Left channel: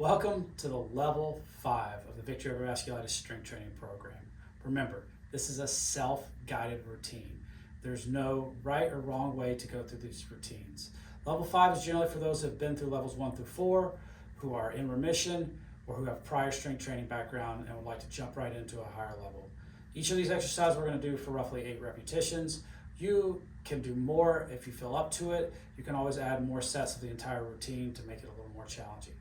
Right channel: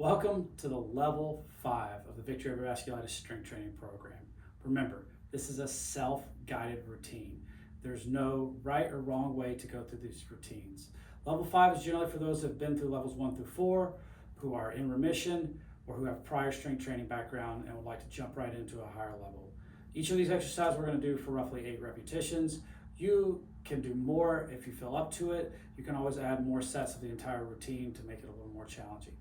Welcome to the level 5 of the Victory Over Vasculitis Strength Training Program. Remember, this is a self-guided routine. There's no right or wrong way to go through these routines. Level 5 is generally for those who have been through levels 1 through 4, who are in remission, or who have prior strength training background and would like to jump right into a higher level. Each of these exercises we're going to do for roughly 8 repetitions. You can do more if you feel up to it. You can always add more sets of the entire routine to make it a little more challenging.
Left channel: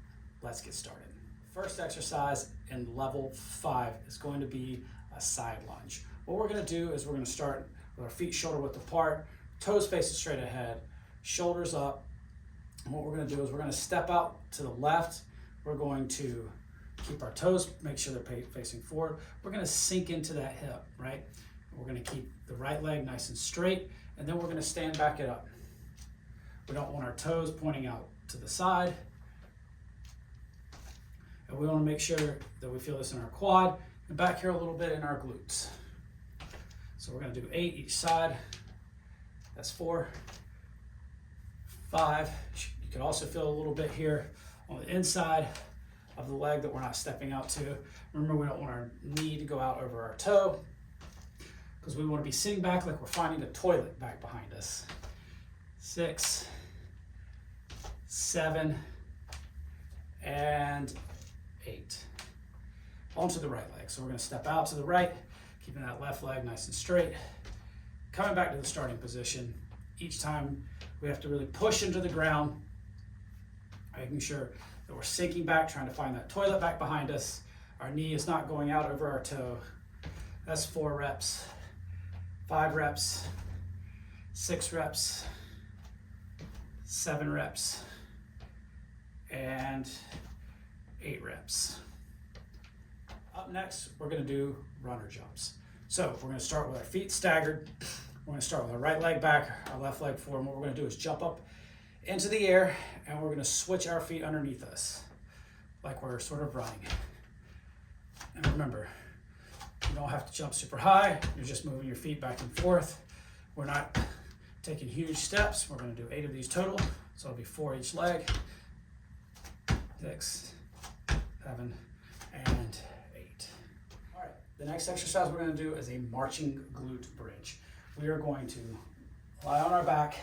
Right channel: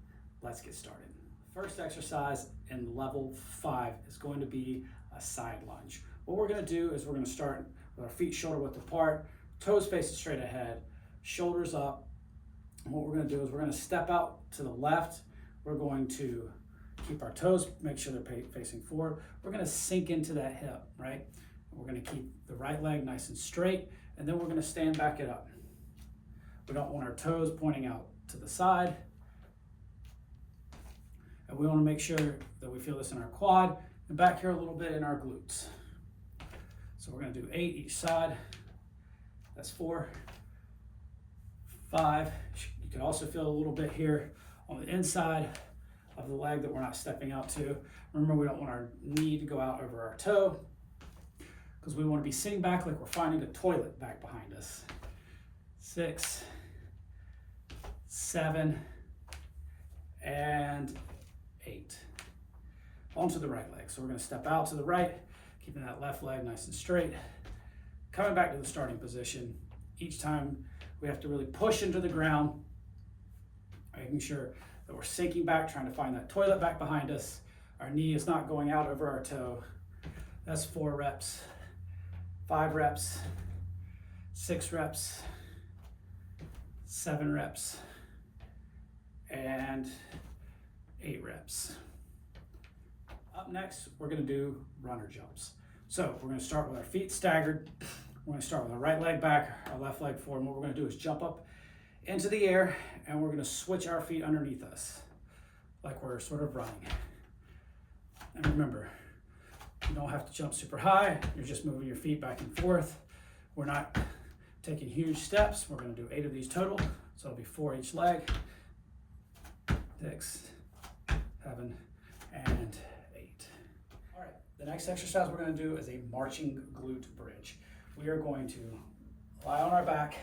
Let's get started. First exercise in level 5 is going to be a side lunge. What we're going to do is we're going to start with our feet shoulder width apart, toes facing straight ahead, shoulders up. And what we're going to do is we're going to step out to the left. We're going to keep our toes, make sure they're facing forward. We're going to sink into that hip, right? We're going to keep the right leg nice and straight, and then we're going to stand back it up. We don't want our toes pointing out to the side. And we want to make sure that we feel this in our quad and back here a little bit in our glutes. So we're going to do 8 each side. That's 4, 5. You can also feel a little bit here on the inside of the leg that we're not stepping out to. Remember, we don't want our knee to go out over our toe because we want to be sitting back like we're finding a toilet back behind us. 6, 7, and 8. Onto the right leg. So we're going to step out to the right, keeping that left leg nice and straight. Coming back to the starting position. Each time we have to really push into the ground, making sure that we're sinking back, trying to find that toilet back behind us. Our knee is not going out over our toe. That's 4 reps, 5 reps, 6 reps, 7 reps, and 8 reps. Up next, we're going to do runner jumps. So we're going to start with our feet staggered. We're going to start with our right leg back, our left leg forward. And what we're going to do is jump up into the air, and we're going to switch our feet underneath us, like we're sort of running. And remember, you don't have to jump super high. You're just moving your feet back and forth. We're not taking huge steps. We're going to do 8 of these total. So it'll be 4 each leg. 6, 7, and 8. All right, the next exercise we're going to do is a marching glute bridge. We are going to lie on our back.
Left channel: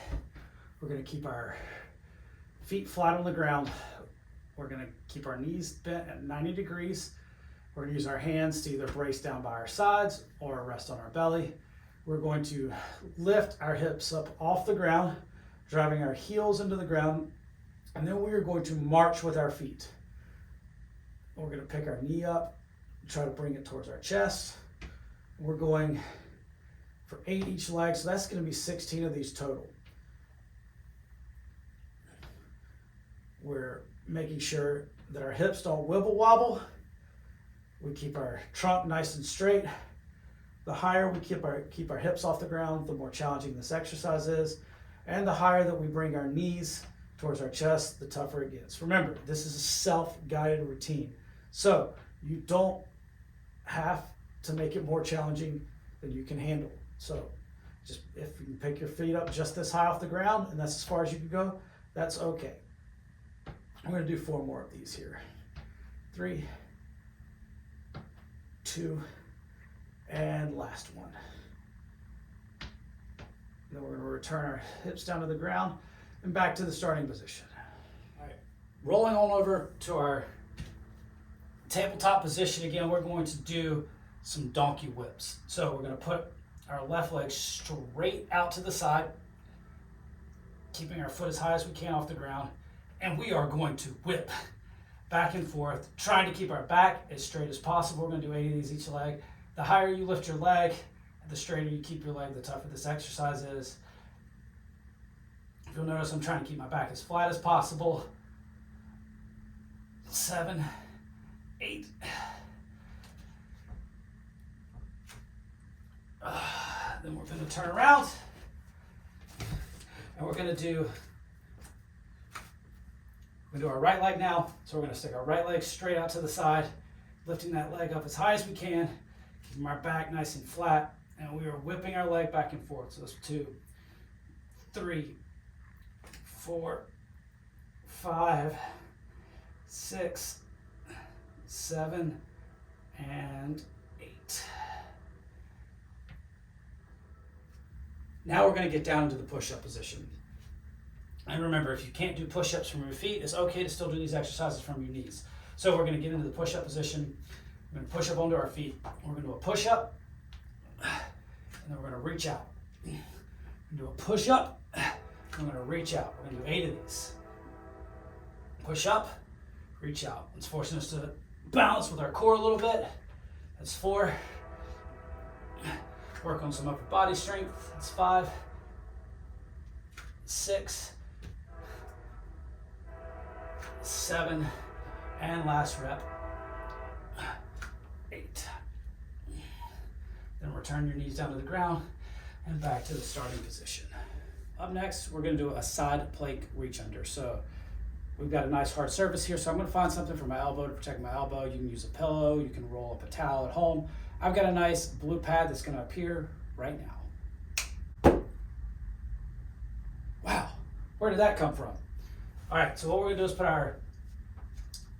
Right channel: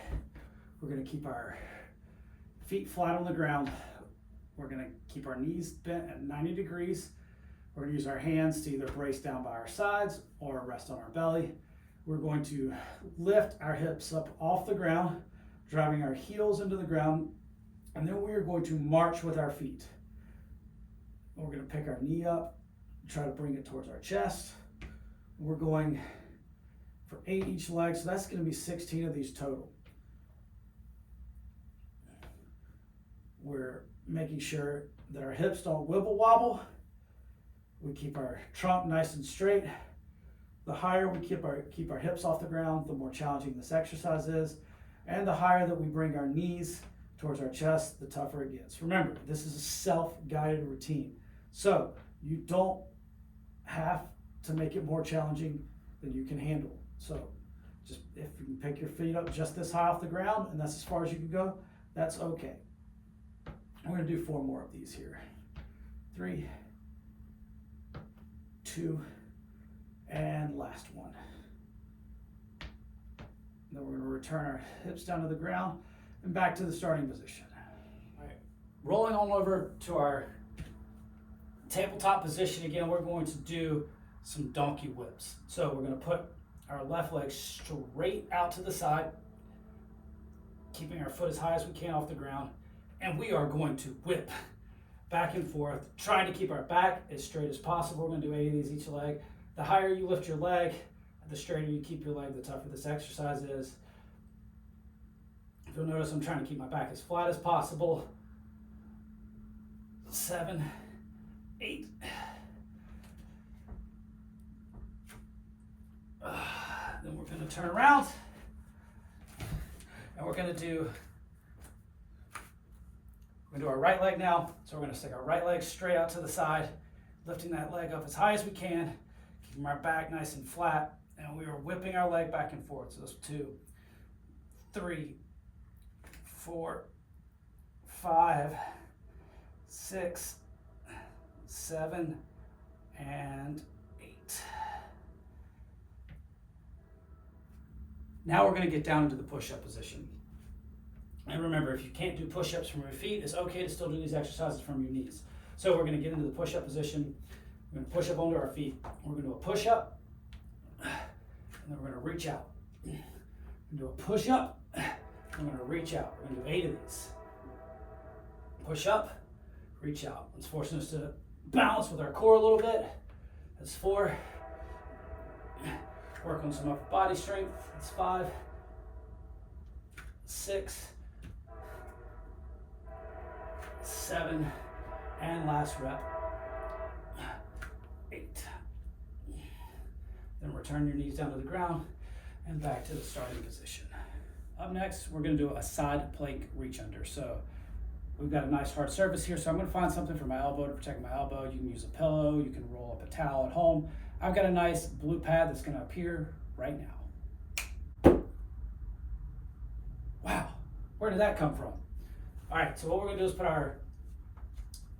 We're going to keep our feet flat on the ground. We're going to keep our knees bent at 90 degrees. We're going to use our hands to either brace down by our sides or rest on our belly. We're going to lift our hips up off the ground, driving our heels into the ground, and then we are going to march with our feet. We're going to pick our knee up, try to bring it towards our chest. We're going for 8 each leg, so that's going to be 16 of these total. We're making sure that our hips don't wibble wobble. We keep our trunk nice and straight. The higher we keep our hips off the ground, the more challenging this exercise is. And the higher that we bring our knees towards our chest, the tougher it gets. Remember, this is a self-guided routine. So you don't have to make it more challenging than you can handle. So just if you can pick your feet up just this high off the ground and that's as far as you can go, that's okay. I'm going to do 4 more of these here. 3, 2, and last one. Then we're going to return our hips down to the ground and back to the starting position. All right, rolling on over to our tabletop position again, we're going to do some donkey whips. So we're going to put our left leg straight out to the side, keeping our foot as high as we can off the ground, and we are going to whip back and forth, trying to keep our back as straight as possible. We're going to do 8 of these each leg. The higher you lift your leg, the straighter you keep your leg, the tougher this exercise is. You'll notice I'm trying to keep my back as flat as possible. 7, 8. Then we're going to turn around and we're going to do our right leg now. So we're going to stick our right leg straight out to the side, lifting that leg up as high as we can, keeping our back nice and flat, and we are whipping our leg back and forth. So that's 2, 3, 4, 5, 6, 7, and 8. Now we're going to get down into the push-up position. And remember, if you can't do push-ups from your feet, it's okay to still do these exercises from your knees. So we're going to get into the push-up position. We're going to push up onto our feet. We're going to do a push-up, and then we're going to reach out. We're going to do a push-up, and we're going to reach out. We're going to do 8 of these. Push up, reach out. It's forcing us to balance with our core a little bit. That's 4. Work on some upper body strength. That's 5, 6, 7, and last rep, 8. Then return your knees down to the ground and back to the starting position. Up next, we're going to do a side plank reach under. So we've got a nice hard surface here, so I'm going to find something for my elbow to protect my elbow. You can use a pillow, you can roll up a towel at home. I've got a nice blue pad that's going to appear right now. Wow, where did that come from? All right, so what we're going to do is put our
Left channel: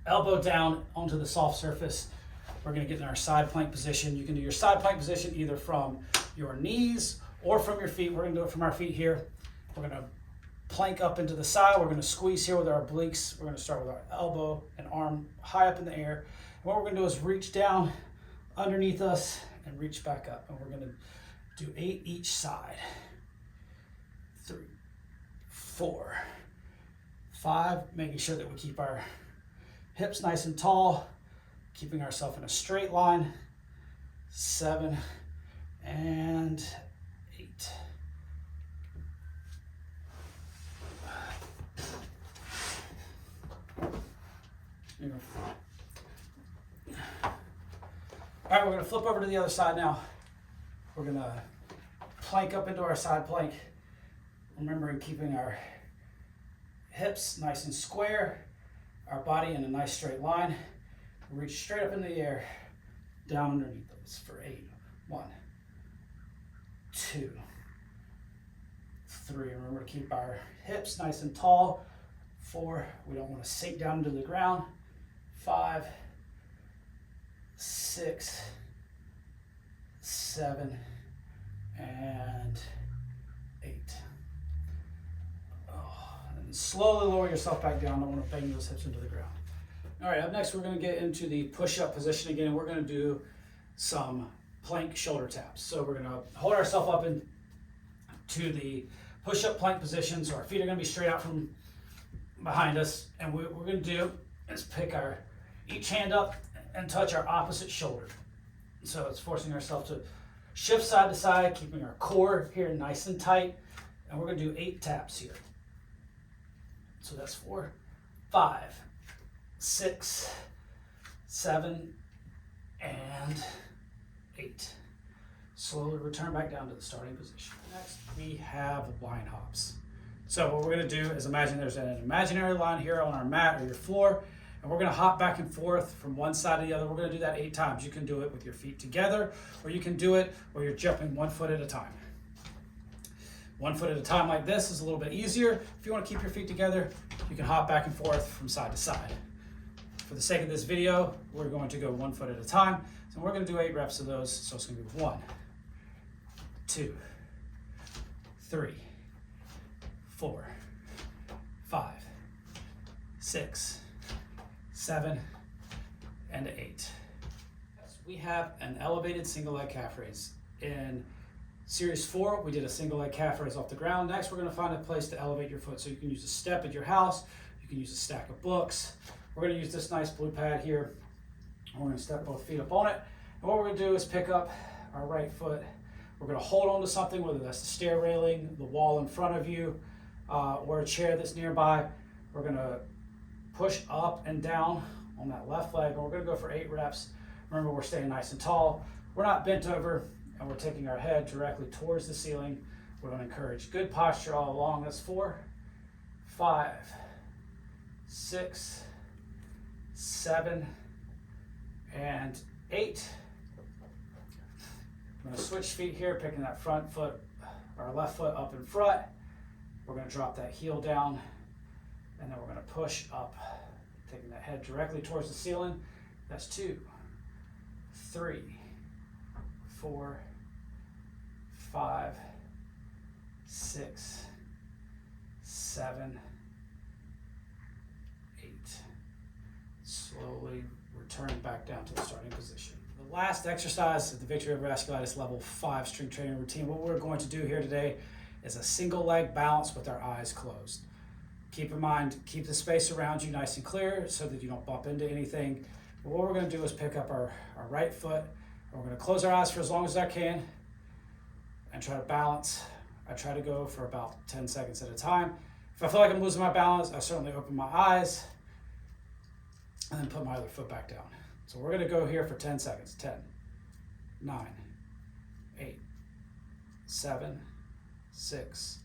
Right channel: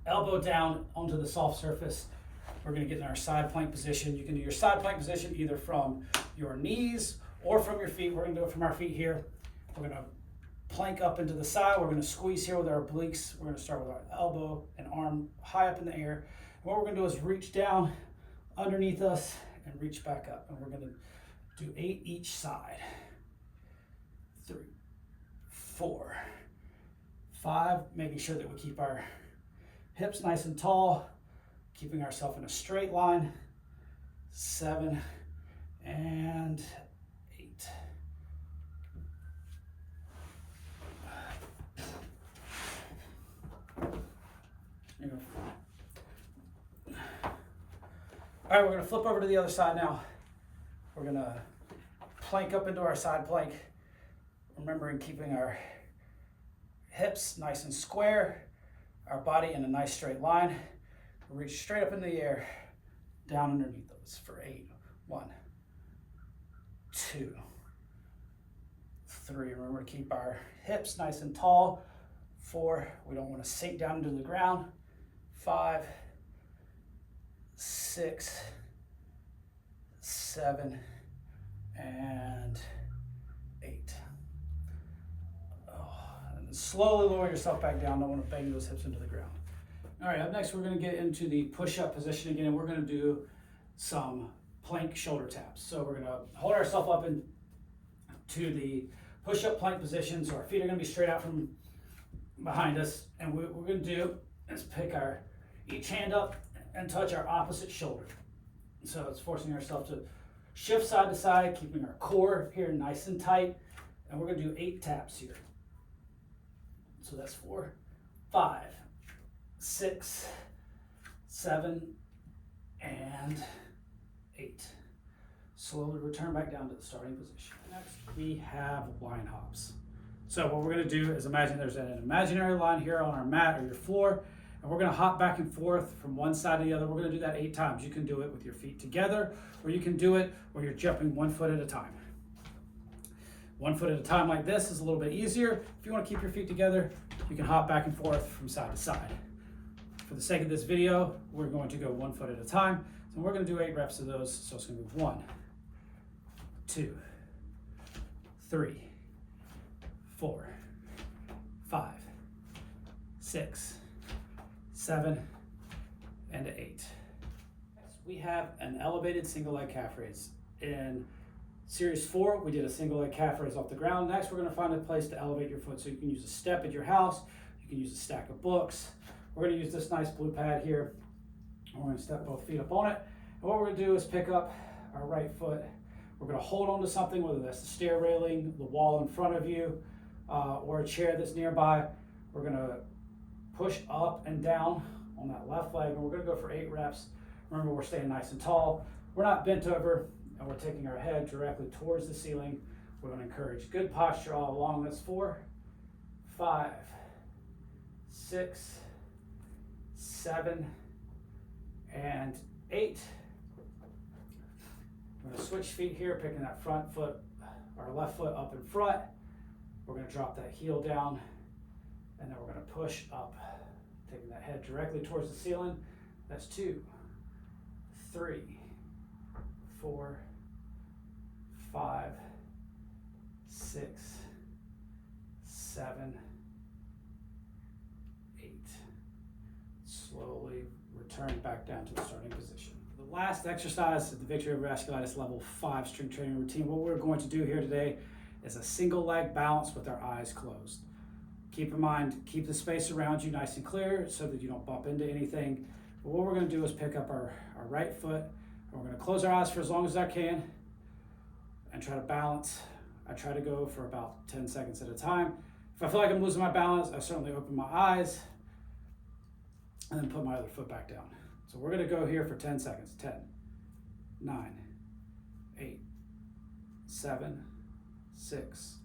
elbow down onto the soft surface. We're going to get in our side plank position. You can do your side plank position either from your knees or from your feet. We're going to do it from our feet here. We're going to plank up into the side. We're going to squeeze here with our obliques. We're going to start with our elbow and arm high up in the air. And what we're going to do is reach down underneath us and reach back up. And we're going to do 8 each side. 3, 4, 5, making sure that we keep our hips nice and tall, keeping ourselves in a straight line. 7 and 8. There you go. All right, we're going to flip over to the other side now. We're going to plank up into our side plank, remembering keeping our hips nice and square, our body in a nice straight line. We'll reach straight up in the air, down underneath those for 8. 1, 2, 3. Remember to keep our hips nice and tall. 4, we don't want to sink down into the ground. 5, 6, 7, and 8. And slowly lower yourself back down. Don't want to bang those hips into the ground. All right, up next we're going to get into the push-up position again, and we're going to do some plank shoulder taps. So we're going to hold ourselves up into the push-up plank position. So our feet are going to be straight out from behind us, and what we're going to do is pick our each hand up and touch our opposite shoulder. So it's forcing ourselves to shift side to side, keeping our core here nice and tight, and we're going to do 8 taps here. So that's 4, 5, 6, 7, and 8. Slowly return back down to the starting position. Next, we have line hops. So what we're going to do is imagine there's an imaginary line here on our mat or your floor, and we're going to hop back and forth from one side to the other. We're going to do that 8 times. You can do it with your feet together, or you can do it where you're jumping 1 foot at a time. 1 foot at a time like this is a little bit easier. If you want to keep your feet together, you can hop back and forth from side to side. For the sake of this video, we're going to go 1 foot at a time. So we're going to do 8 reps of those. So it's going to be 1, 2, 3, 4, 5, 6, 7, and 8. We have an elevated single leg calf raise. In series 4, we did a single leg calf raise off the ground. Next, we're going to find a place to elevate your foot. So you can use a step at your house. You can use a stack of books. We're going to use this nice blue pad here. And we're going to step both feet up on it. And what we're going to do is pick up our right foot. We're going to hold on to something, whether that's the stair railing, the wall in front of you, or a chair that's nearby. We're going to push up and down on that left leg, and we're going to go for 8 reps. Remember, we're staying nice and tall. We're not bent over, and we're taking our head directly towards the ceiling. We're going to encourage good posture all along. That's 4, 5, 6, 7, and 8. We're going to switch feet here, picking that front foot, our left foot up in front. We're going to drop that heel down, and then we're going to push up, taking that head directly towards the ceiling, That's 2, 3, 4, 5, 6, 7, 8. Slowly return back down to the starting position. The last exercise at the Victory Over Vasculitis Level 5 strength training routine, what we're going to do here today is a single leg balance with our eyes closed. Keep in mind, keep the space around you nice and clear so that you don't bump into anything. But what we're going to do is pick up our right foot, and we're going to close our eyes for as long as I can and try to balance. I try to go for about 10 seconds at a time. If I feel like I'm losing my balance, I certainly open my eyes and then put my other foot back down. So we're going to go here for 10 seconds. 10, 9, 8, 7, 6,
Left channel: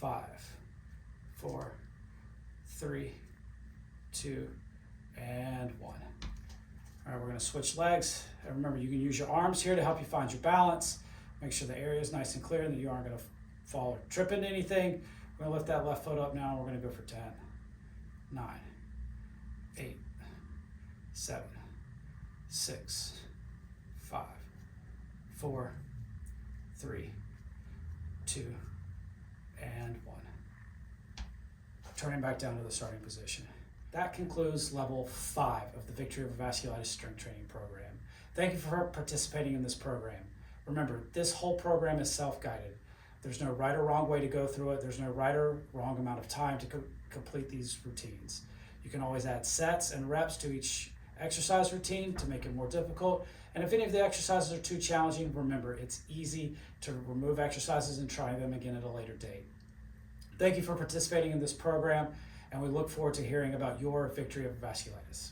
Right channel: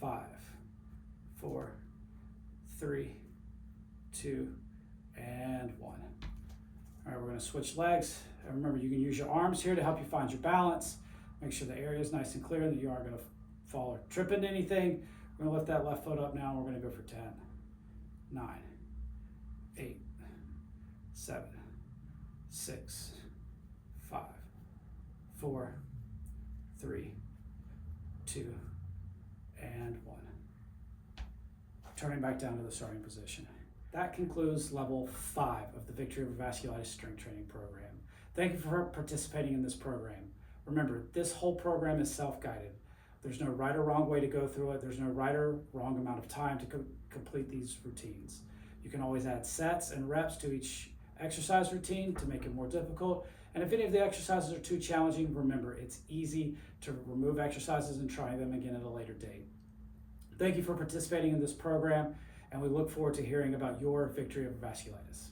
5, 4, 3, 2, and 1. All right, we're going to switch legs. And remember, you can use your arms here to help you find your balance. Make sure the area is nice and clear and that you aren't going to fall or trip into anything. We're going to lift that left foot up now, and we're going to go for 10, 9, 8, 7, 6, 5, 4, 3, 2, and 1. Turning back down to the starting position. That concludes level 5 of the Victory Over Vasculitis strength training program. Thank you for participating in this program. Remember, this whole program is self-guided. There's no right or wrong way to go through it. There's no right or wrong amount of time to complete these routines. You can always add sets and reps to each exercise routine to make it more difficult. And if any of the exercises are too challenging, remember, it's easy to remove exercises and try them again at a later date. Thank you for participating in this program, and we look forward to hearing about your Victory Over Vasculitis.